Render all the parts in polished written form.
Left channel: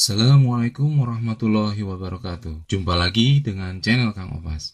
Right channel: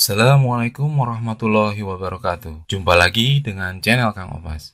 Assalamualaikum warahmatullahi wabarakatuh. Jumpa lagi dengan channel Kang Obas.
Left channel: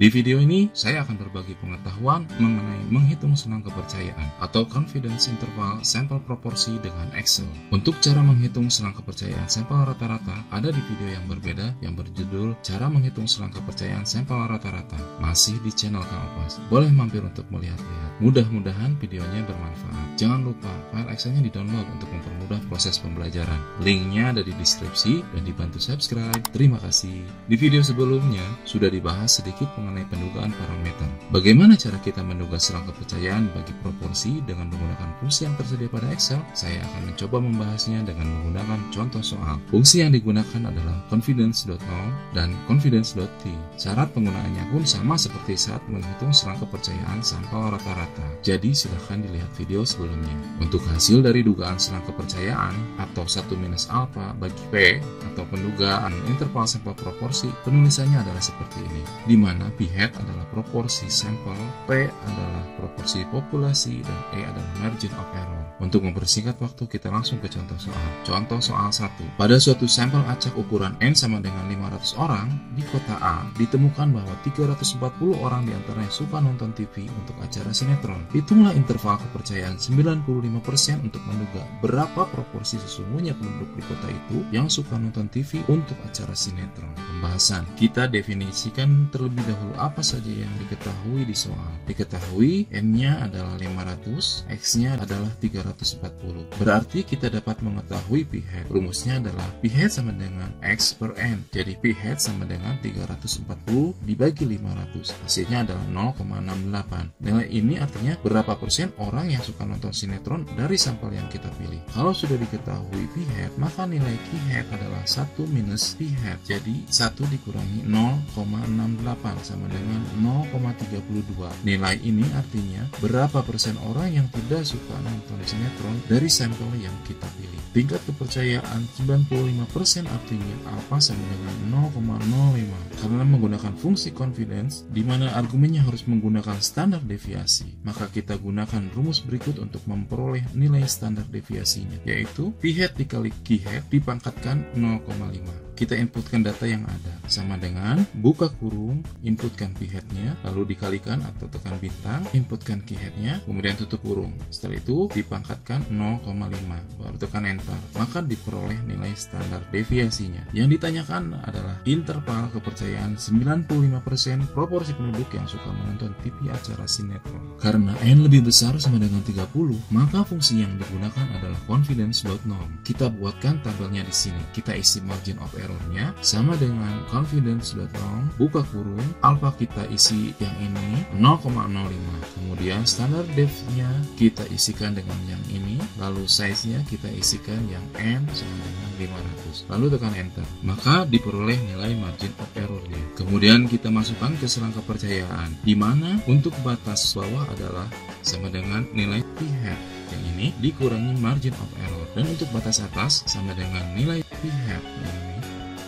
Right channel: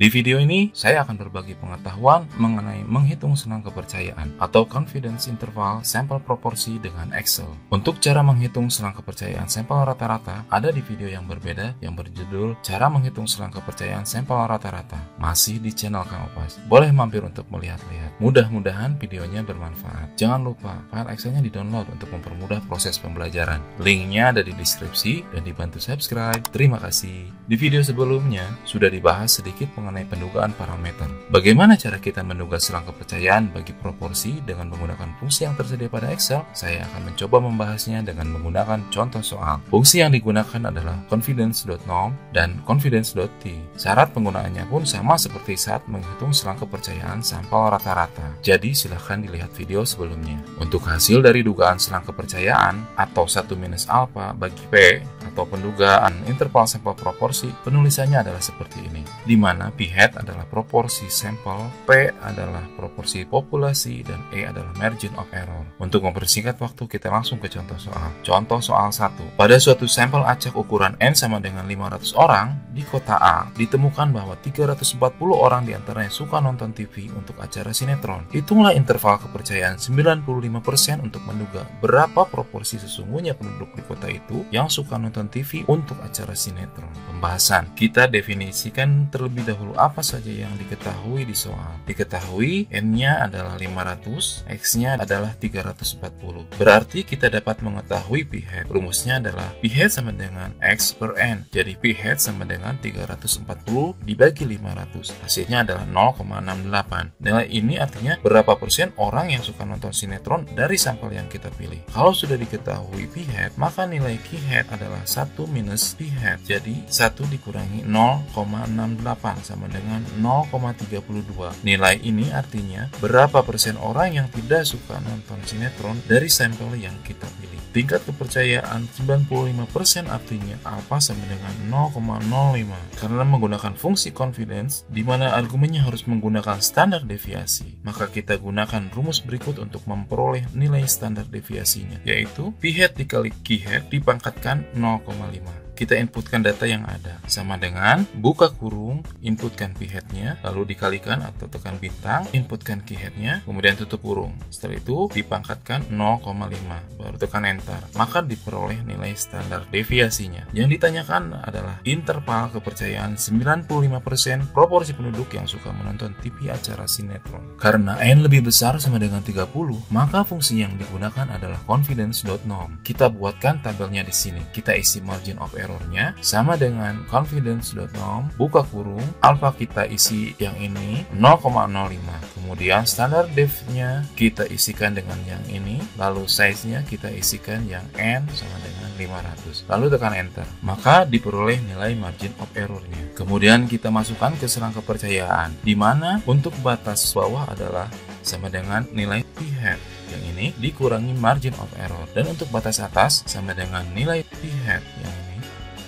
Di video ini, saya akan berbagi pengetahuan mengenai menghitung senang kepercayaan atau confidence interval sampel proporsi dengan Excel. Untuk cara menghitung senang kepercayaan sampel rata-rata, ada di video yang berbeda yang berjudul Cara Menghitung Senang Kepercayaan Sampel Rata-Rata, masih di channel Kang Obas. Boleh mampir untuk melihat-lihat. Mudah-mudahan videonya bermanfaat. Jangan lupa, file Excel-nya di-download untuk mempermudah proses pembelajaran. Linknya ada di deskripsi dan dibantu subscribe. Terima kasih. Di video sebelumnya, sudah dibahas sedikit mengenai pendugaan parameter. Bagaimana cara kita menduga senang kepercayaan bagi proporsi dengan menggunakan fungsi yang tersedia pada Excel? Saya akan mencoba membahasnya dengan menggunakan contoh soal. Fungsi yang digunakan adalah confidence.norm dan confidence.t. Syarat penggunaannya pun sama seperti saat menghitung senang kepercayaan sampel rata-rata. Jadi silahkan dilihat video sebelumnya. Untuk hasil dari dugaan senang kepercayaan atau 1 minus alpha bagi P atau pendugaan interval sampel proporsi, penulisannya adalah seperti ini, di mana P hat adalah proporsi sampel, P adalah proporsi populasi, dan E adalah margin of error. Untuk mempersingkat waktu, kita langsung ke contoh soal. Contoh soal 1. Pada suatu sampel acak ukuran N sama dengan 500 orang, di kota A ditemukan bahwa 340 orang diantaranya suka nonton TV untuk acara sinetron. Hitunglah interval kepercayaan 95% untuk menduga berapa proporsi sesungguhnya penduduk di kota itu yang suka nonton TV untuk acara sinetron. Pembahasan. Kita definisikan terlebih dahulu apa saja yang diketahui di soal. Diketahui N-nya adalah 500, X-nya adalah 340. Berarti kita dapat mengetahui P hat. Rumusnya adalah P hat sama dengan X per N. Jadi P hat sama dengan 340 dibagi 500. Hasilnya adalah 0,68. Nilai ini artinya berapa persen orang yang suka nonton sinetron dari sampel yang kita pilih. Kalau sudah diketahui P hat, maka nilai Q hat adalah 1 minus P hat. Jadi 1 dikurangi 0,68 sama dengan 0,32. Nilai ini artinya berapa persen orang yang tidak suka nonton sinetron dari sampel yang kita pilih. Tingkat kepercayaan 95% artinya alpha sama dengan 0,05. Karena menggunakan fungsi confidence, di mana argumennya harus menggunakan standar deviasi, maka kita gunakan rumus berikut untuk memperoleh nilai standar deviasinya, yaitu P hat dikali Q hat dipangkatkan 0,5. Kita inputkan data yang ada, sama dengan buka kurung, inputkan P hat-nya, lalu dikalikan atau tekan bintang, inputkan Q hat-nya, kemudian tutup kurung. Setelah itu dipangkatkan 0,5, baru tekan enter. Maka diperoleh nilai standar deviasinya. Yang ditanyakan adalah interval kepercayaan 95% proporsi penduduk yang suka menonton TV acara sinetron. Karena N lebih besar sama dengan 30, maka fungsi yang digunakan adalah confidence.norm. Kita buatkan tabelnya di sini. Kita isi margin of error-nya sama dengan confidence.norm, buka kurung, alpha kita isi yang ini 0,05. Kemudian standar dev-nya kita isikan dengan yang ini, lalu size-nya kita isikan yang N sama dengan 500. Lalu tekan enter. Maka diperoleh nilai margin of error-nya. Kemudian kita masukkan ke senang kepercayaan, di mana untuk batas bawah adalah sama dengan nilai P hat. Yang ini dikurangi margin of error. Dan untuk batas atas sama dengan nilai P hat yang ini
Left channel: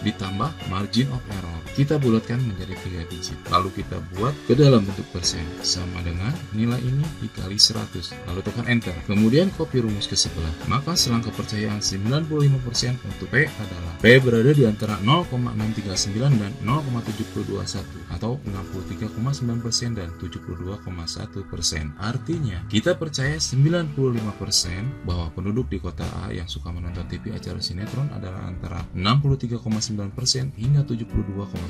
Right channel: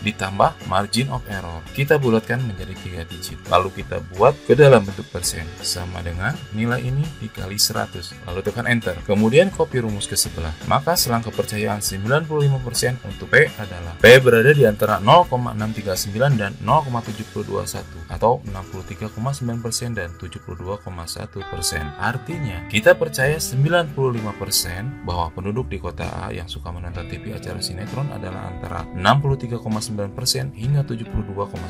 ditambah margin of error. Kita bulatkan menjadi 3 digit. Lalu kita buat ke dalam bentuk persen. Sama dengan nilai ini dikali 100. Lalu tekan enter. Kemudian copy rumus ke sebelah. Maka senang kepercayaan 95% untuk P adalah P berada di antara 0,639 dan 0,721 atau 63,9% dan 72,1%. Artinya kita percaya 95% bahwa penduduk di kota A yang suka menonton TV acara sinetron adalah antara 63,9% hingga 72,1%.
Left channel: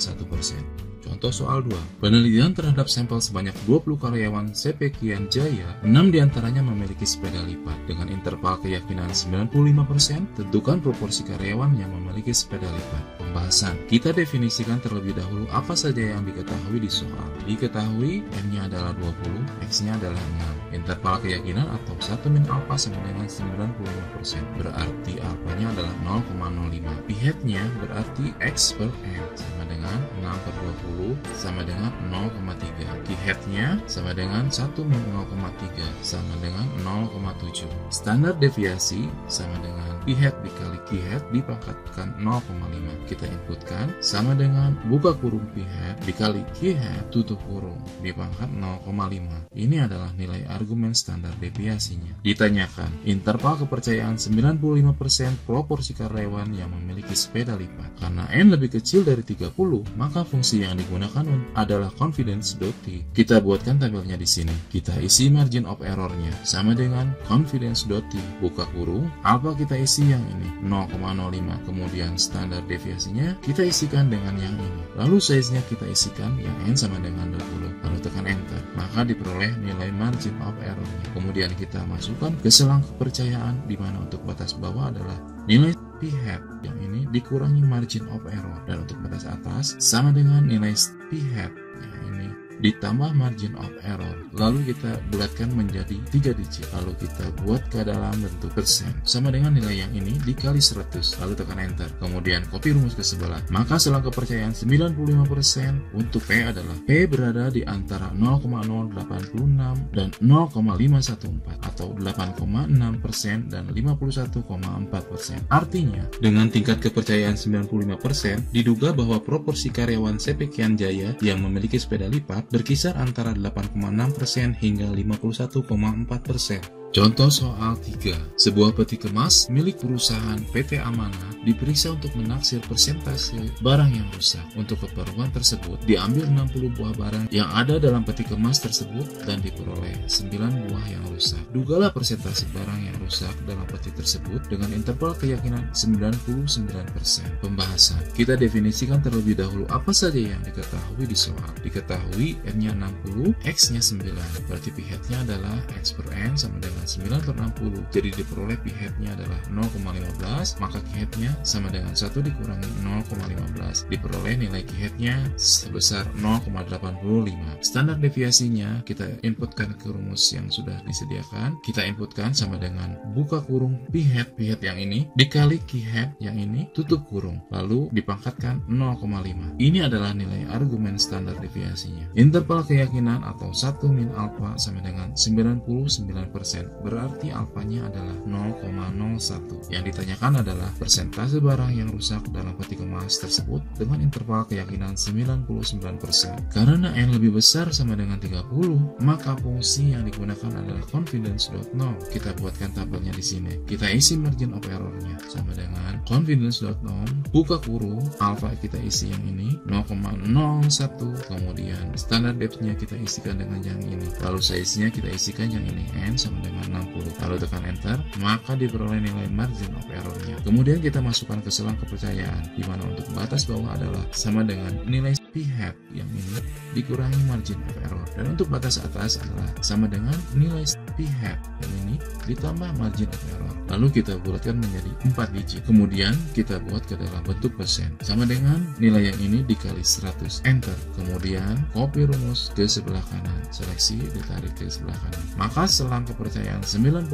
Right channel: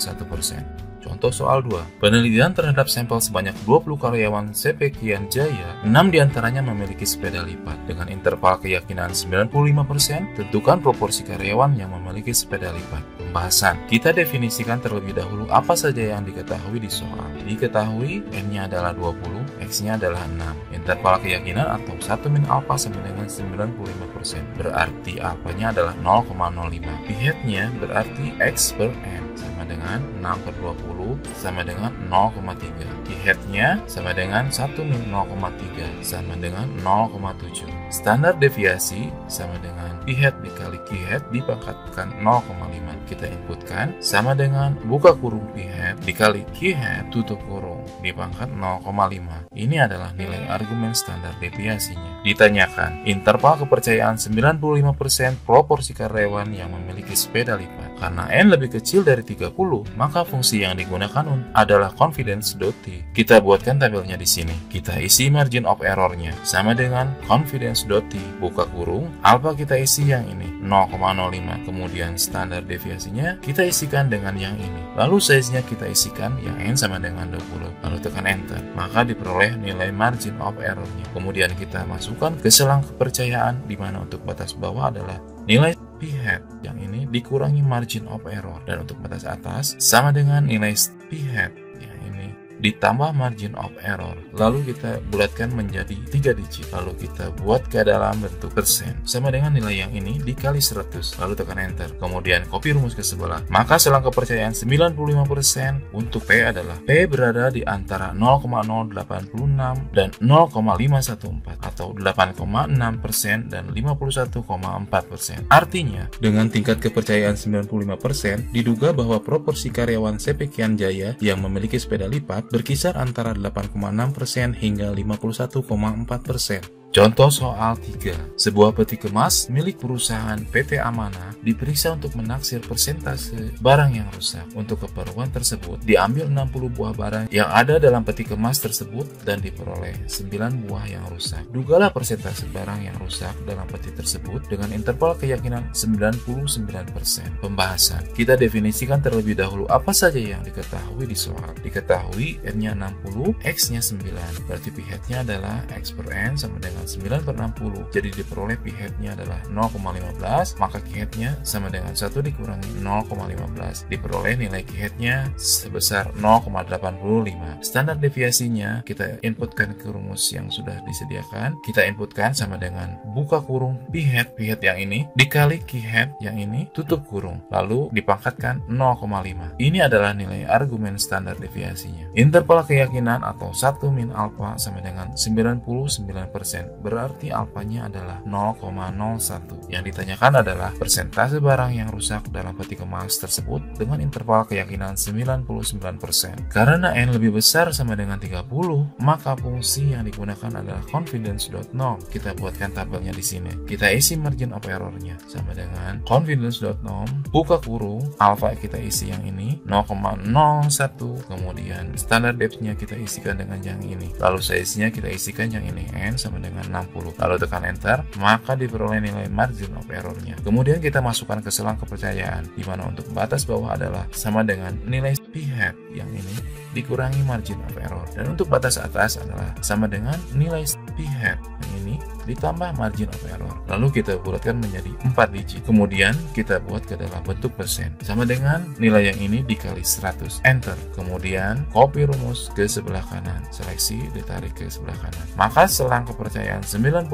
Contoh soal 2. Penelitian terhadap sampel sebanyak 20 karyawan CP Kian Jaya, 6 diantaranya memiliki sepeda lipat. Dengan interval keyakinan 95%, tentukan proporsi karyawan yang memiliki sepeda lipat. Pembahasan. Kita definisikan terlebih dahulu apa saja yang diketahui di soal. Diketahui N-nya adalah 20, X-nya adalah 6. Interval keyakinan atau 1 min alpha sama dengan 95%. Berarti alpha-nya adalah 0,05. P hat-nya berarti X per N sama dengan 6 per 20 sama dengan 0,3. Q hat-nya sama dengan 1 min 0,3 sama dengan 0,7. Standar deviasi sama dengan P hat dikali Q hat dipangkatkan 0,5. Kita inputkan sama dengan buka kurung P hat dikali Q hat tutup kurung dipangkat 0,5. Ini adalah nilai argumen standar deviasinya. Ditanyakan, interval kepercayaan 95% proporsi karyawan yang memiliki sepeda lipat. Karena N lebih kecil dari 30, maka fungsi yang digunakan adalah confidence.t. Kita buatkan tabelnya di sini. Kita isi margin of error-nya sama dengan confidence.t, buka kurung, alpha kita isi yang ini 0,05, kemudian standar deviasinya kita isikan dengan yang ini. Lalu size-nya kita isikan yang N sama dengan 20. Lalu tekan enter, maka diperoleh nilai margin of error-nya. Kemudian kita masukkan ke selang kepercayaan, di mana untuk batas bawah adalah nilai p-hat yang ini dikurangi margin of error, dan untuk batas atas sama dengan nilai p-hat yang ini ditambah margin of error. Lalu kita bulatkan menjadi 3 digit, lalu kita buat ke dalam bentuk persen sama dengan nilai yang ini dikali 100, lalu tekan enter, kemudian copy rumus ke sebelah. Maka selang kepercayaan 95% untuk P adalah P berada di antara 0,086 dan 0,514 atau 8,6% dan 51,4%. Artinya, dengan tingkat kepercayaan 95%, diduga bahwa proporsi karyawan sepekian jaya yang memiliki sepeda lipat berkisar antara 8,6% hingga 51,4%. Contoh soal 3. Sebuah peti kemas milik perusahaan PT Amanah diperiksa untuk menaksir persentase barang yang rusak. Untuk keperluan tersebut, diambil 60 buah barang yang ada dalam peti kemas tersebut dan diperoleh 9 buah yang rusak. Dugalah persentase barang yang rusak dalam peti tersebut dengan interval keyakinan 99%. Pembahasan. Kita definisikan terlebih dahulu apa saja yang diketahui di soal. Diketahui N-nya 60, X-nya 9. Berarti p-hat-nya adalah X per N sama dengan 9/60, jadi diperoleh p-hat-nya adalah 0,15, maka q-hat-nya sama dengan 1 dikurangi 0,15, diperoleh nilai q-hat-nya sebesar 0,85. Standar deviasinya kita inputkan ke rumus yang sudah disediakan. Kita inputkan sama dengan buka kurung p-hat yang ini dikali q-hat yang ini tutup kurung, lalu dipangkatkan 0,5. Ini adalah nilai argumen standar deviasinya. Interval keyakinan atau 1 min alpha sama dengan 99%. Berarti alfanya adalah 0,01. Yang ditanyakan adalah persentase barang yang rusak dalam peti kemas tersebut dengan interval keyakinan 99%. Karena N lebih besar sama dengan 30, maka fungsi yang digunakan adalah confidence.norm. Kita buatkan tabelnya di sini. Kita isi margin of error-nya sama dengan confidence.norm, buka kurung, alpha kita isi yang ini 0,01, kemudian standard depth-nya kita isikan dengan yang ini. Lalu size-nya kita isikan yang ini N sama dengan 60, lalu tekan enter, maka diperoleh nilai margin of error-nya. Kemudian kita masukkan ke selang kepercayaan, di mana untuk batas bawah adalah sama dengan nilai p-hat yang ini dikurangi margin of error, dan untuk batas atas adalah sama dengan nilai p-hat yang ini ditambah margin of error. Lalu kita bulatkan menjadi 4 digit, kemudian kita buat ke dalam bentuk persen sama dengan nilai yang ini dikali 100, enter, kemudian copy rumus ke sebelah kanan, seleksi ditarik ke sebelah kanan. Maka selang kepercayaan 99%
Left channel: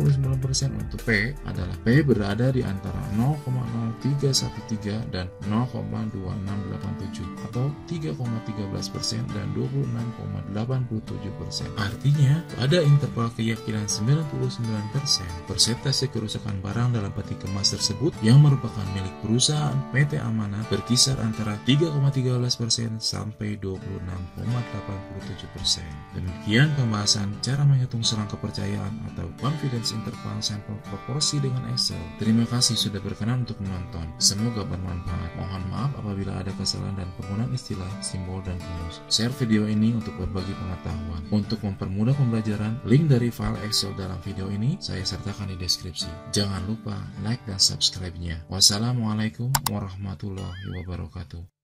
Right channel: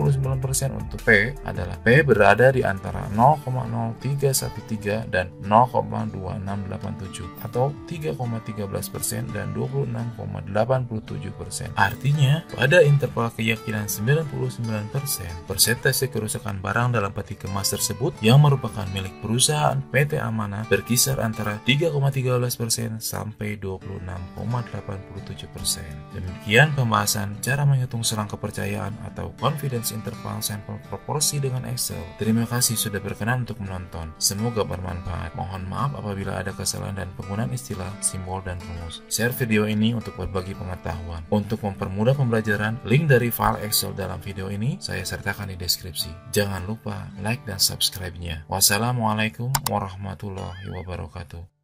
untuk P adalah P berada di antara 0,0313 dan 0,2687 atau 3,13% dan 26,87%. Artinya, pada interval keyakinan 99%, persentase kerusakan barang dalam peti kemas tersebut yang merupakan milik perusahaan PT Amanah berkisar antara 3,13% sampai 26,87%. Demikian pembahasan cara menghitung selang kepercayaan atau confidence interval sampel proporsi dengan Excel. Terima kasih sudah berkenan untuk menonton. Semoga bermanfaat. Mohon maaf apabila ada kesalahan dan penggunaan istilah, simbol, dan rumus. Share video ini untuk berbagi pengetahuan. Untuk mempermudah pembelajaran, link dari file Excel dalam video ini saya sertakan di deskripsi. Jangan lupa like dan subscribe-nya. Wassalamualaikum warahmatullahi wabarakatuh.